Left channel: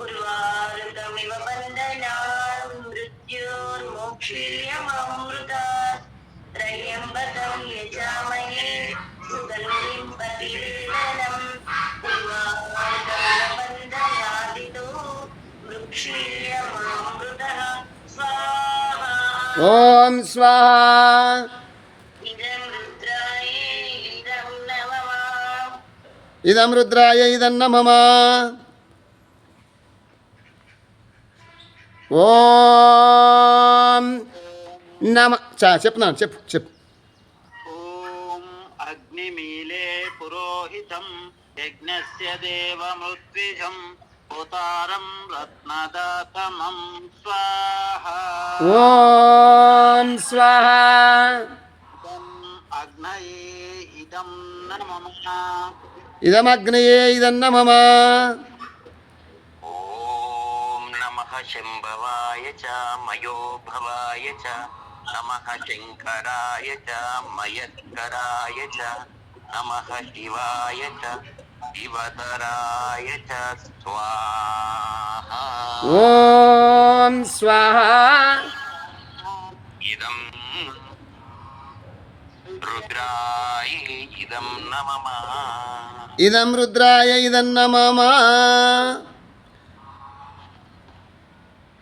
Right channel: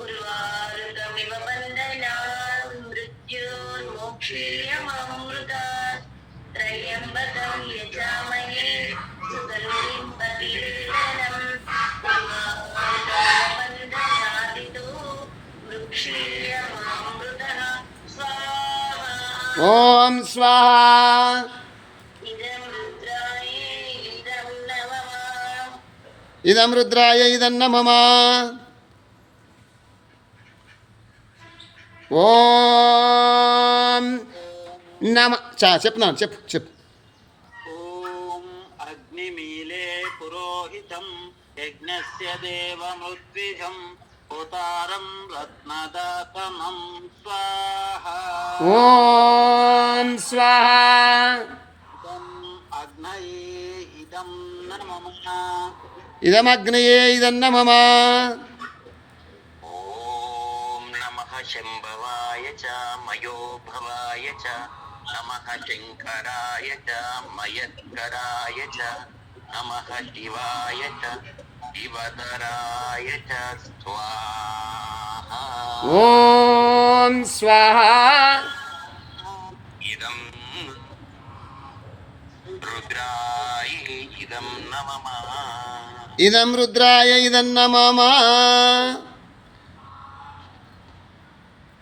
उर्वारुकमिव बन्धनान् मृत्योर्मोक्षीयमामृतात् त्र्यम्बकं यजामहे सुगन्धिं प्रतिपीडनम् उर्वारुकमिव बन्धनादितो मृक्षीयमामृतः स्वाहा ಓಂ ಸ್ವಾಹಾ इदं रुद्राय इदं नमः ಇದಂ ರುದ್ರಾಯ ಇದನ್ನ ಮಮ ఓం నమ చెప్పు ఓం అగ్నిమీలే పురోహితం యజ్ఞస్య దేవమృత్విజం హోతారం రత్నదాతమం స్వాహా ఓం స్వాహా ఇదం అగ్నయే ఇదం నమః ఇదమగ్నయే ఇదన్న మమ ఓం నమః శంభవాయ చ మయోభవాయ చ నమః శంకరాయ చ మయస్కరాయ చ నమః శివాయ చ శివతరాయ చ స్వాహా ఓం స్వాహా ఇదం రుద్రాయ ఇదం నమః ఇదం రుద్రాయ ఇదన్న మమ